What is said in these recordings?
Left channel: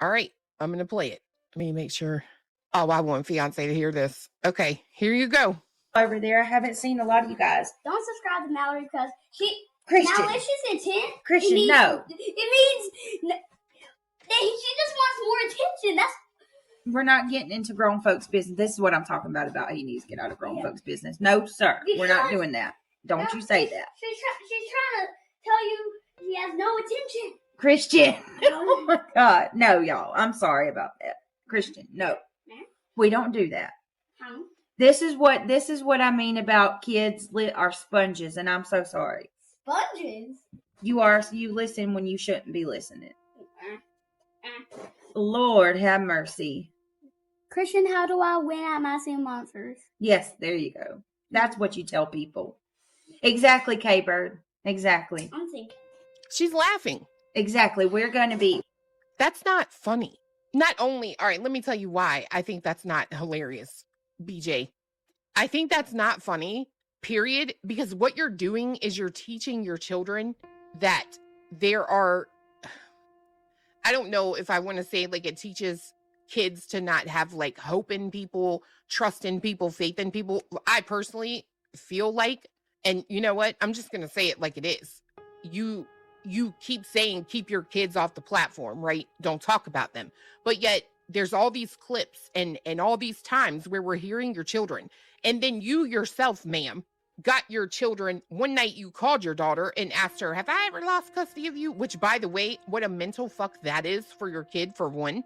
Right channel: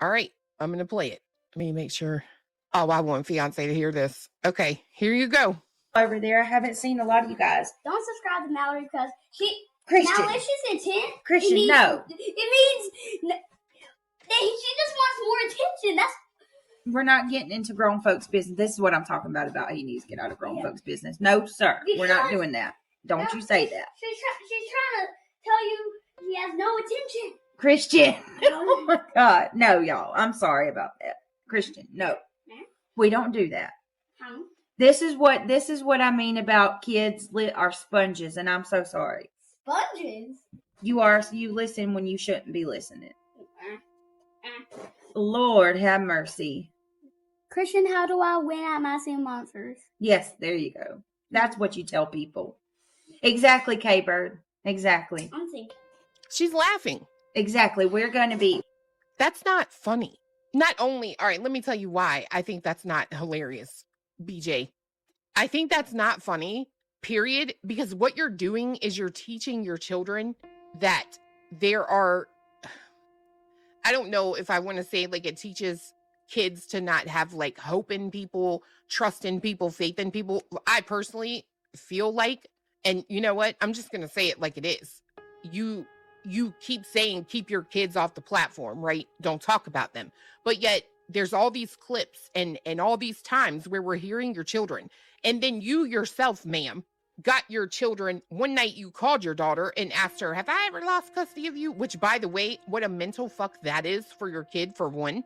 All right, I'm going to play it. Let me make sure. Oh, I want fiance to hear this. Okay, here you go. Over there, I haven't seen a lot of you guys. Don't subscribe to Mallory because she Christian. malicious intent. Christian, it means, no. It means she just wants more attention. That's We're not getting into grown folks' business. This is what I'm talking about he needs to get out of grown folks' business. No, sir. We're not doing that. Don't you say that. She's trying to tell you he has no attention. Christian. Oh my God. No, y'all. I'm sorry about that. Christian, no. We don't do that. This is what I mean about kids are sponges, and I'm so sorry. Sponges? You listen when you shouldn't be listening. Lord have mercy. Christian, how do I win at Massive Monsters? Yes, there you go. That's what you tell people. Exactly, K-Bird. Exactly. I'm thinking. She's laughing. Exactly. We're going to be. That's not funny. Not only, all right, let me tell you why I think that's not hilarious, BJ. I think that's not funny, period, because what you're doing is you're teaching your children that there are, I don't know if I want to say like it teaches kids to not have like hope in people, trust in people, faith in people. I personally feel like, and you know what? I'm just going to say it like it is. You keep saying, keep your kids off the platform, right? Don't talk about them. But yet there's all these clips and all these times where we're hearing your children. And then you yourself, ma'am, got your children. One night you called your daughter and asked her, have I ever lost custody of you? Which, by the way, what a mental fuck that is for your kid, for one.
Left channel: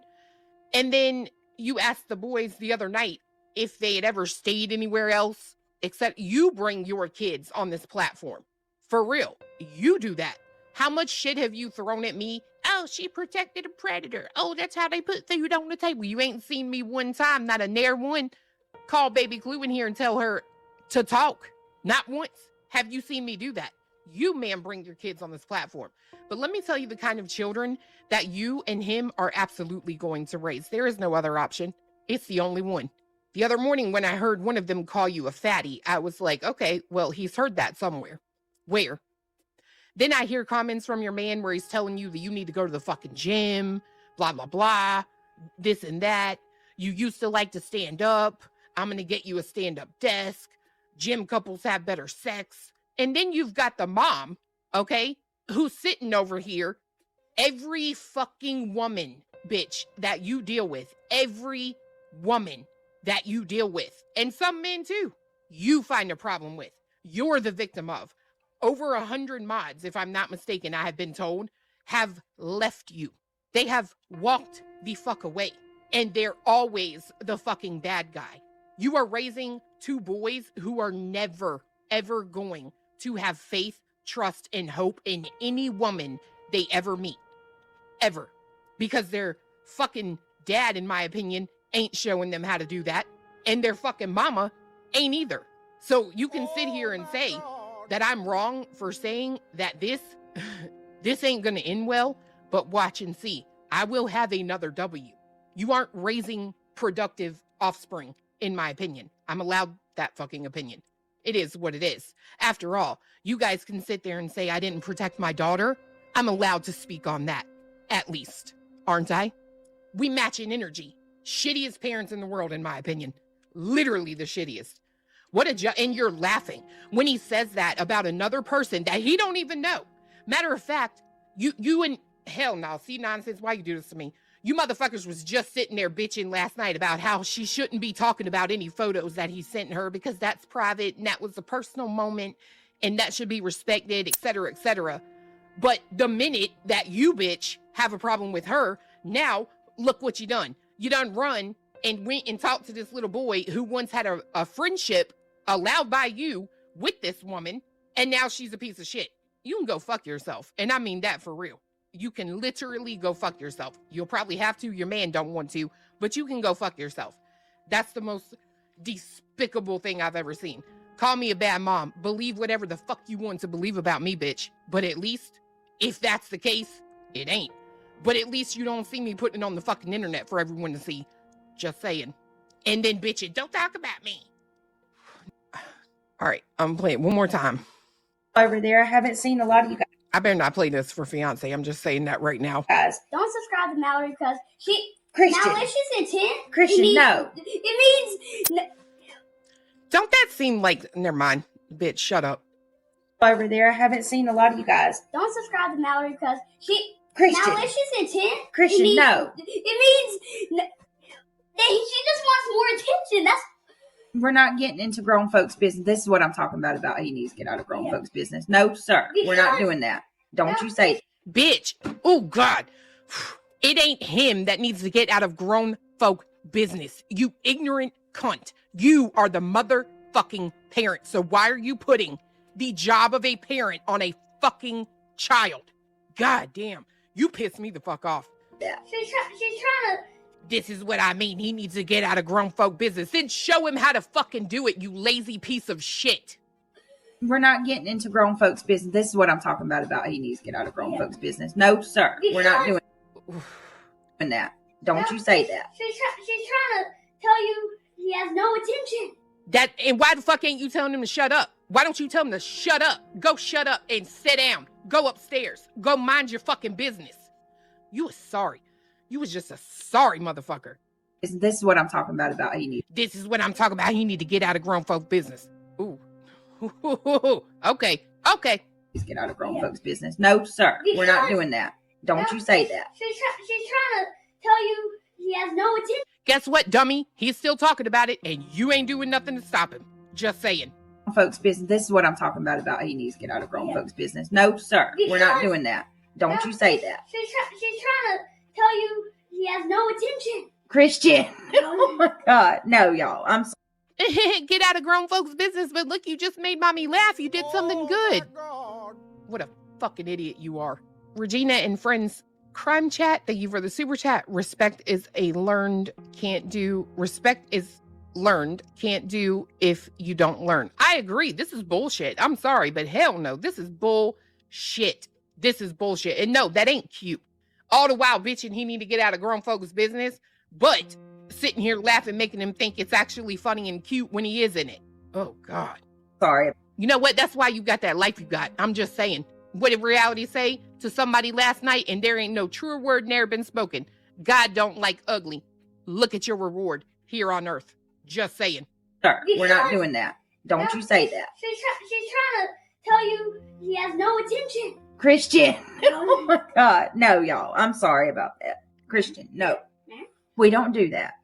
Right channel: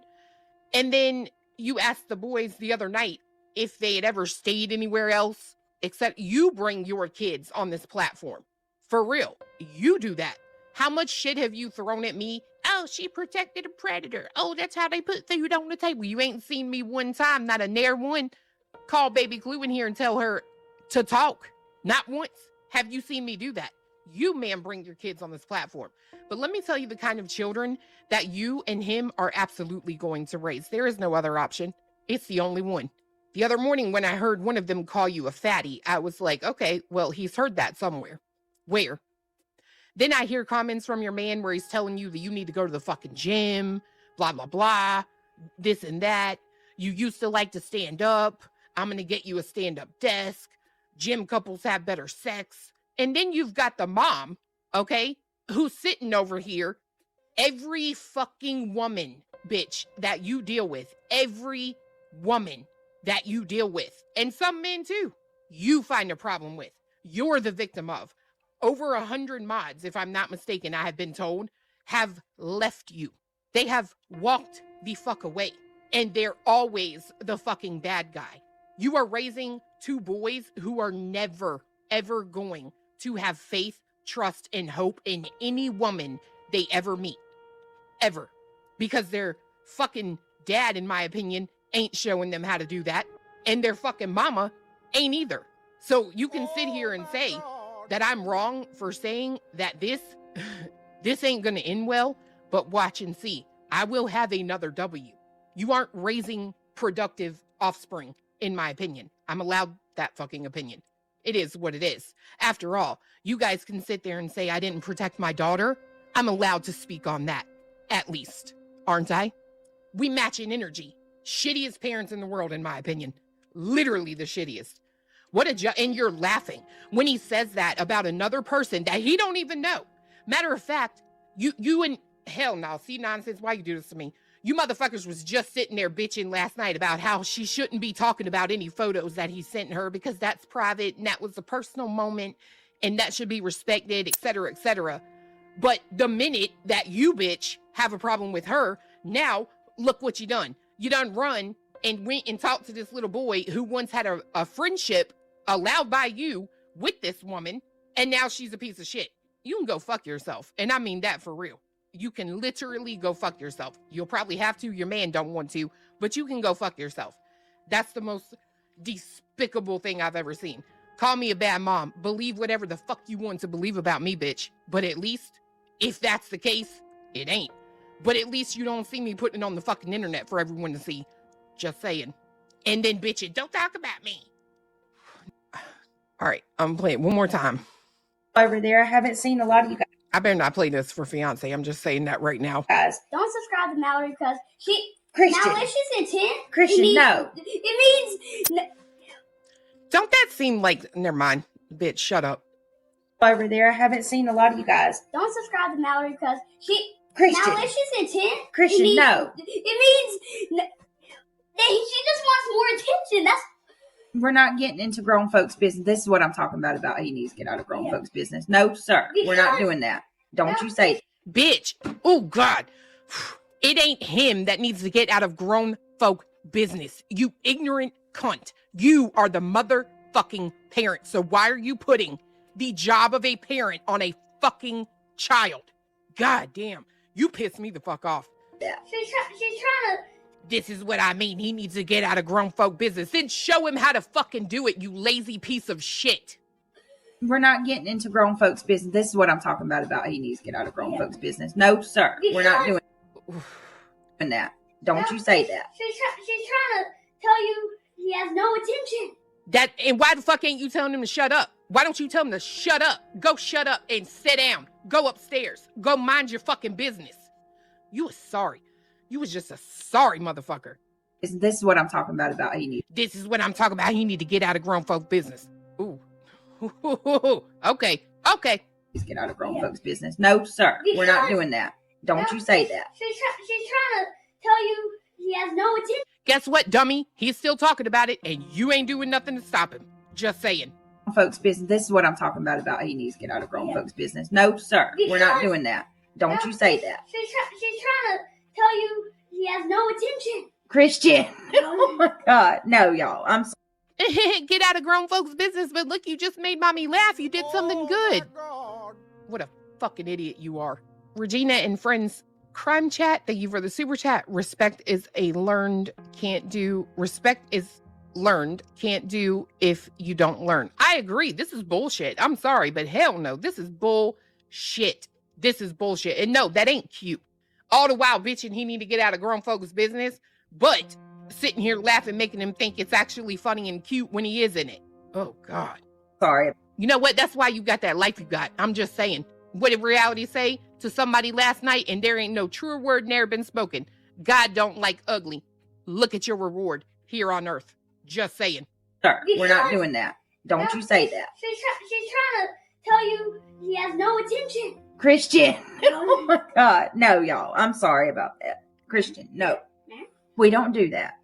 And then you asked the boys the other night if they had ever stayed anywhere else, except you bring your kids on this platform. For real. You do that. How much shit have you thrown at me? Oh, she protected a predator. Oh, that's how they put food on the table. You ain't seen me one time, not a ne'er one. Call Baby Clue in here and tell her to talk. Not once have you seen me do that. You, ma'am, bring your kids on this platform. But let me tell you the kind of children that you and him are absolutely going to raise. There is no other option. It's the only one. The other morning when I heard one of them call you a fatty, I was like, okay, well, he's heard that somewhere. Where? Then I hear comments from your man where he's telling you that you need to go to the fucking gym, blah, blah, blah, this and that. You used to like to stand up. I'm going to get you a stand-up desk. Gym couples have better sex. And then you've got the mom, okay, who's sitting over here. Every fucking woman, bitch, that you deal with, every woman that you deal with, and some men too, you find a problem with. You're the victim of. Over 100 mods, if I'm not mistaken, I have been told, have left you. They have walked the fuck away. And they're always the fucking bad guy. You are raising two boys who are never, ever going to have faith, trust, and hope in any woman they ever meet. Ever. Because their fucking dad, in my opinion, ain't showing them how to do that. And their fucking mama ain't either. So you can sit here and say that I'm wrong for saying that this ain't gonna end well, but watch and see. I will have another W. You aren't raising productive offspring, in my opinion. I'm allowed that fucking opinion. It is what it is. After all, you guys can sit there and say I didn't protect my daughter. I'm allowed to speak on that, at least, aren't I? We match in energy. Shittiest parents in the world, in my opinion. Literally the shittiest. And you're laughing when he says that about another person that he don't even know. Matter of fact, you and hell no, see nonsense, why you do this to me? You motherfuckers was just sitting there bitching last night about how she shouldn't be talking about any photos that he sent her because that's private and that was a personal moment and that should be respected, etc., etc. But the minute that you bitch have a problem with her, now look what you done. You done run and went and talked to this little boy who once had a friendship allowed by you with this woman, and now she's a piece of shit. You can go fuck yourself. And I mean that for real. You can literally go fuck yourself. You'll probably have to. Your man don't want to, but you can go fuck yourself. That's the most despicable thing I've ever seen. Call me a bad mom. Believe whatever the fuck you want to believe about me, bitch. But at least, if that's the case, it ain't. But at least you don't see me putting it on the fucking internet for everyone to see. Just saying. And then bitching, don't talk about me. All right, I'm playing one more time. Over there, I haven't seen a lot of you guys. I better not play this for fiance. I'm just saying that right now. Guys, Don't subscribe to Mallory because she Christian. malicious intent. Christian, it means, no. It means Don't that seem like... Never mind. Bitch, shut up. Over there, I haven't seen a lot of you guys. don't subscribe to Mallory because she Christian. malicious intent. Christian, it means, no. It means she just wants more attention. That's We're not getting into grown folks' business. This is what I'm talking about he needs to get out of grown folks' business. No, sir. We're not doing that. Don't you say it. Bitch. Oh, God. It ain't him that needs to get out of grown folk business. You ignorant cunt. You are the motherfucking parent. So why are you putting the job of a parent on a fucking child? God damn. You piss me the fuck off. Yeah. she's trying to. This is what I mean. He needs to get out of grown folk business. Then show him how to fucking do it, you lazy piece of shit. We're not getting into grown folks' business. This is what I'm talking about he needs to get out of grown folks' business. No, sir. We're not doing that. Don't you say that. She's trying to tell you he has no attention. And why the fuck ain't you telling him to shut up? Why don't you tell him to shut up? Go shut up and sit down. Go upstairs. Go mind your fucking business. You was sorry. You was just a sorry motherfucker. This is what I'm talking about he needs. This is what I'm talking about. He need to get out of grown folk business. Ooh. Okay. to get out of grown folks' business. No, sir. We're not doing that. Don't you say that. She's trying to tell you he has no attention. Guess what, dummy? He's still talking about it, and you ain't doing nothing to stop him. Just saying. Folks' business. This is what I'm talking about he needs to get out of grown folks' business. No, sir. We're not doing that. Don't you say that. She's trying to tell you he has no attention. Christian. Oh my God. No, y'all. I'm sorry. Get out of grown folks' business, but look, you just made mommy laugh. You did something good. What a fucking idiot you are. Regina and friends, crime chat, thank you for the super chat. Respect is a learned, can't do. Respect is learned, can't do if you don't learn. I agree. This is bullshit. I'm sorry, but hell no. This is bullshit. This is bullshit. And no, that ain't cute. All the while bitching he need to get out of grown folks' business, but sitting here laughing, making him think it's actually funny and cute when he is in it. Oh, God. Sorry. You know what? That's why you got that life you got. I'm just saying. What did reality say to somebody last night? And there ain't no truer word never been spoken. God don't like ugly. Look at your reward here on earth. Just saying. Sir, we're not doing that. Don't you say that. She's trying to tell you he has no attention. Christian. No, y'all. I'm sorry about that. Christian, no. We don't do that.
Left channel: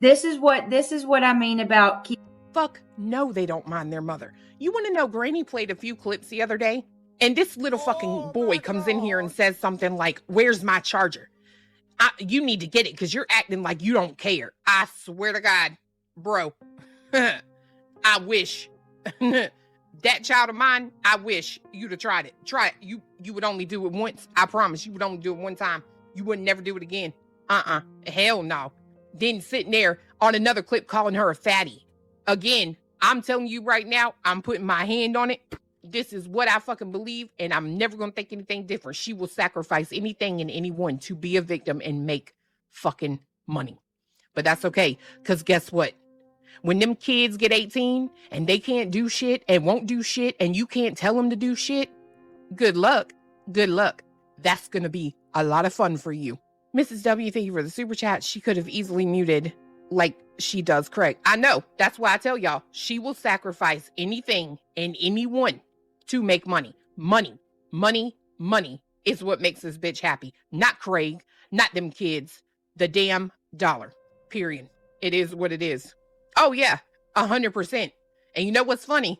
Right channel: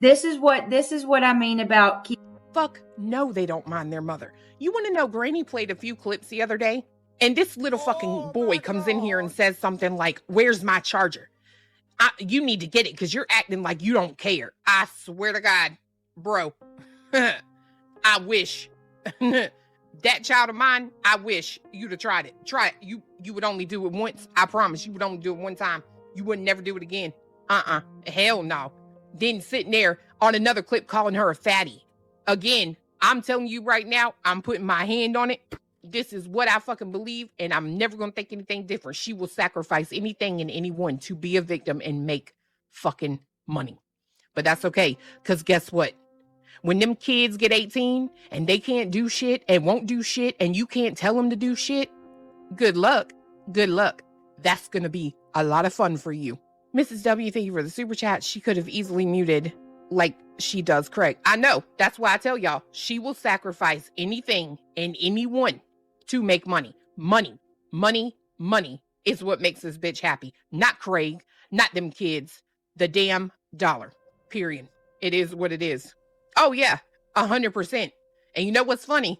This is what I mean about kids. Fuck no, they don't mind their mother. You want to know, Granny played a few clips the other day, and this little fucking boy comes in here and says something like, "Where's my charger? You need to get it because you're acting like you don't care." I swear to God, bro. I wish. That child of mine, I wish you'd have tried it. Try it. You would only do it once. I promise you would only do it one time. You would never do it again. Hell no. Then sitting there on another clip calling her a fatty. Again, I'm telling you right now, I'm putting my hand on it. This is what I fucking believe, and I'm never going to think anything different. She will sacrifice anything and anyone to be a victim and make fucking money. But that's okay, because guess what? When them kids get 18 and they can't do shit and won't do shit and you can't tell them to do shit, good luck. Good luck. That's going to be a lot of fun for you. Mrs. W, thank you for the super chat. She could have easily muted like she does Craig. I know. That's why I tell y'all, she will sacrifice anything and anyone to make money. Money is what makes this bitch happy. Not Craig, not them kids, the damn dollar. Period. It is what it is. Oh yeah, 100%. And you know what's funny?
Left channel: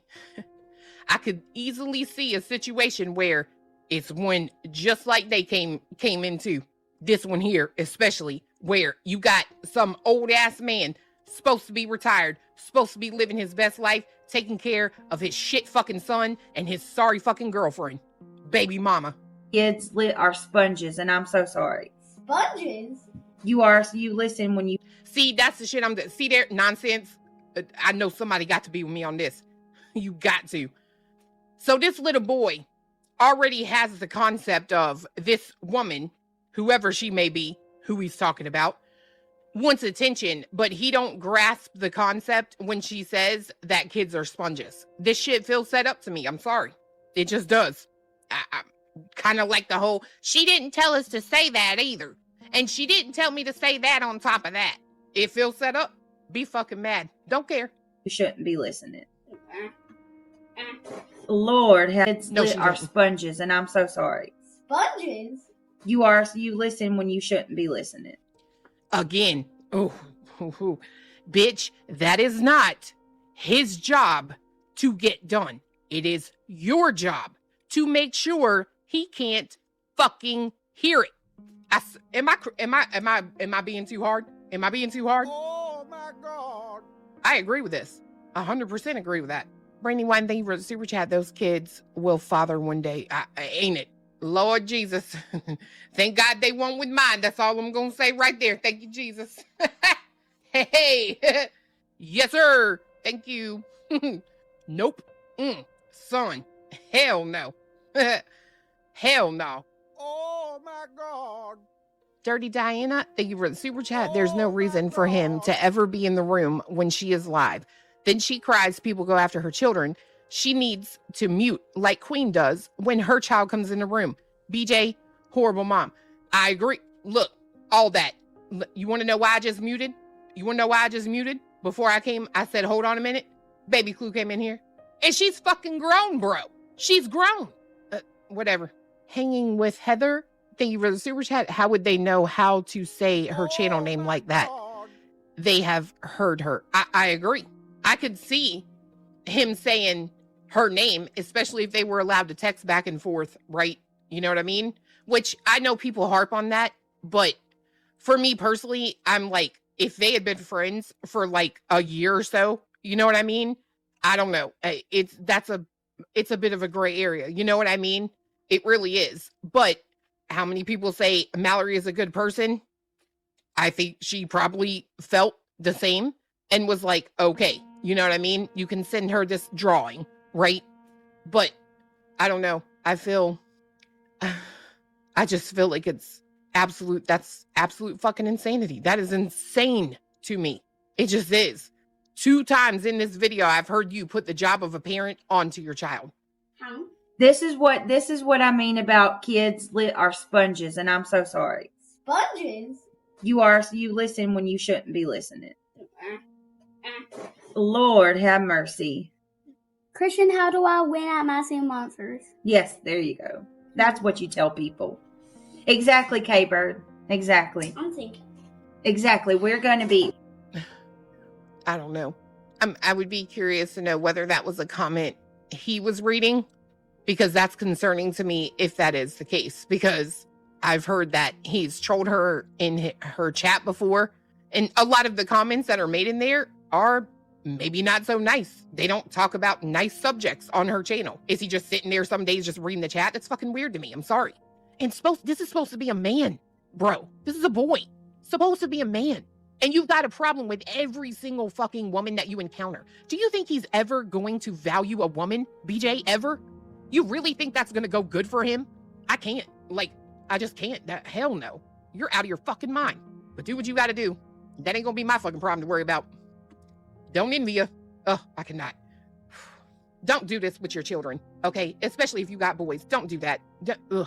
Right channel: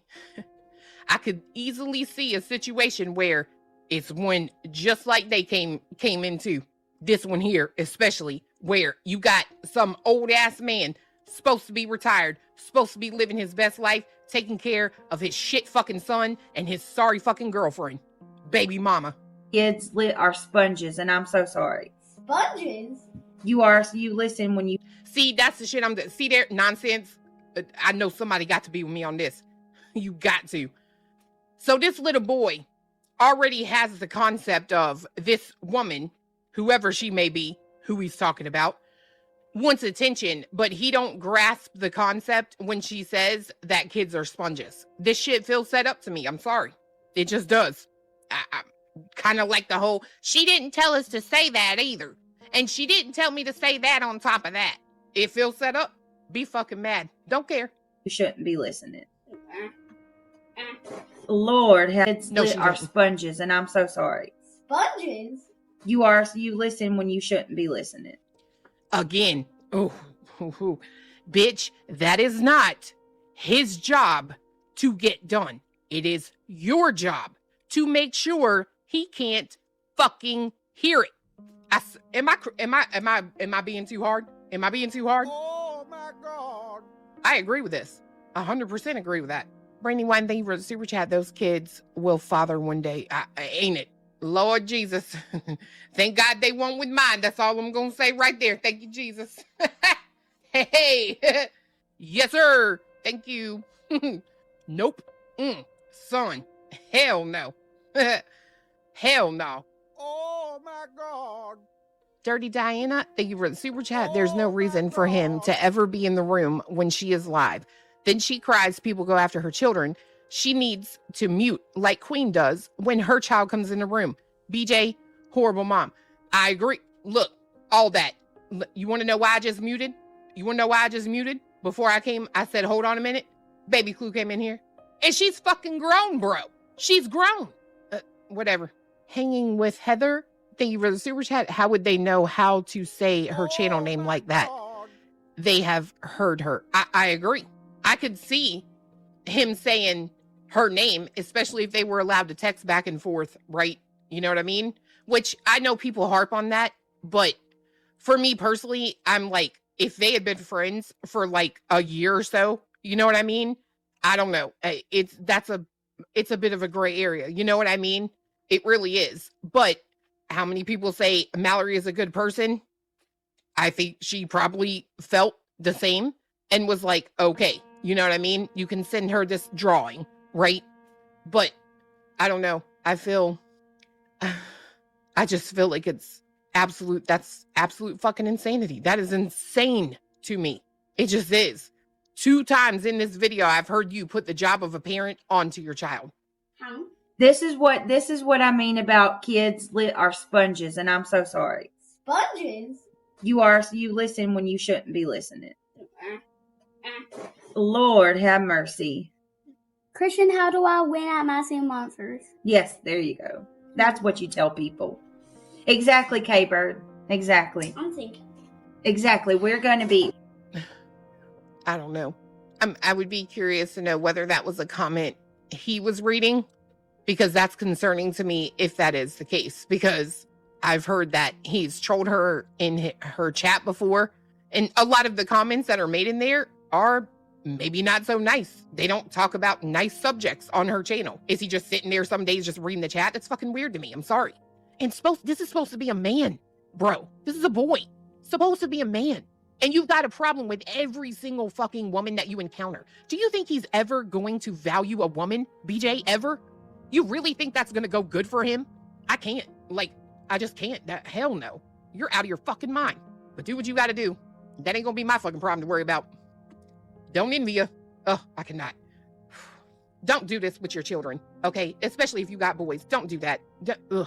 I could easily see a situation where it's one just like they came into. This one here, especially, where you got some old ass man supposed to be retired, supposed to be living his best life, taking care of his shit fucking son and his sorry fucking girlfriend. Baby mama. Kids are sponges, and I'm so sorry. Sponges? You are, so you listen when you... See, that's the shit see there? Nonsense. I know somebody got to be with me on this. You got to. So this little boy already has the concept of this woman, whoever she may be, who he's talking about, wants attention, but he don't grasp the concept when she says that kids are sponges. This shit feels set up to me. I'm sorry. It just does. Kind of like the whole, she didn't tell us to say that either. And she didn't tell me to say that on top of that. It feels set up. Be fucking mad. Don't care. You shouldn't be listening. Lord, kids are sponges, and I'm so sorry. Sponges? You listen when you shouldn't be listening. Again. Bitch, that is not his job to get done. It is your job to make sure he can't fucking hear it. Am I being too hard? Am I being too hard? Oh my God. I agree with this. 100% agree with that. For anyone that even super chat, those kids will father one day. Ain't it? Lord Jesus. Thank God they won't with mine. That's all I'm going to say right there. Thank you, Jesus. Hey. Yes, sir. Thank you. Nope. Son. Hell no. Hell no. Oh my God. Dirty Diana, thank you for the super chat. There's no reason for him to ever be in the room when she is live. Then she cries, people go after her children. She needs to mute like Queen does when her child comes in the room. BJ, horrible mom. I agree. Look, all that. You want to know why I just muted? Before I came, I said, hold on a minute. Baby Clue came in here. And she's fucking grown, bro. She's grown. Whatever. Hanging with Heather. Thank you for the super chat. How would they know how to say her channel name like that? They have heard her. I agree. I could see him saying her name, especially if they were allowed to text back and forth, right? You know what I mean? Which I know people harp on that, but for me personally, I'm like, if they had been friends for like a year or so, you know what I mean? I don't know. It's a bit of a gray area. You know what I mean? It really is. But how many people say Mallory is a good person? I think she probably felt the same and was like, okay, you know what I mean? You can send her this drawing, right? But I don't know. I just feel like that's absolute fucking insanity. That is insane to me. It just is. 2 times in this video, I've heard you put the job of a parent onto your child. How? This is what I mean about kids are sponges, and I'm so sorry. Sponges? You listen when you shouldn't be listening. Lord have mercy. Christian, how do I win at Massing Monsters? Yes, there you go. That's what you tell people. Exactly, K-Bird. Exactly. I think. Exactly. We're going to be. I don't know. I would be curious to know whether that was a comment he was reading, because that's concerning to me if that is the case, because I've heard that he's trolled her in her chat before, and a lot of the comments that are made in there are maybe not so nice. They don't talk about nice subjects on her channel. Is he just sitting there some days just reading the chat? That's fucking weird to me. I'm sorry. And this is supposed to be a man, bro. This is a boy. Supposed to be a man. And you've got a problem with every single fucking woman that you encounter. Do you think he's ever going to value a woman, BJ, ever? You really think that's going to go good for him? I can't. I just can't. Hell no. You're out of your fucking mind. But do what you got to do. That ain't going to be my fucking problem to worry about. Don't envy you. Oh, I cannot. Don't do this with your children, okay? Especially if you got boys. Don't do that. Ugh.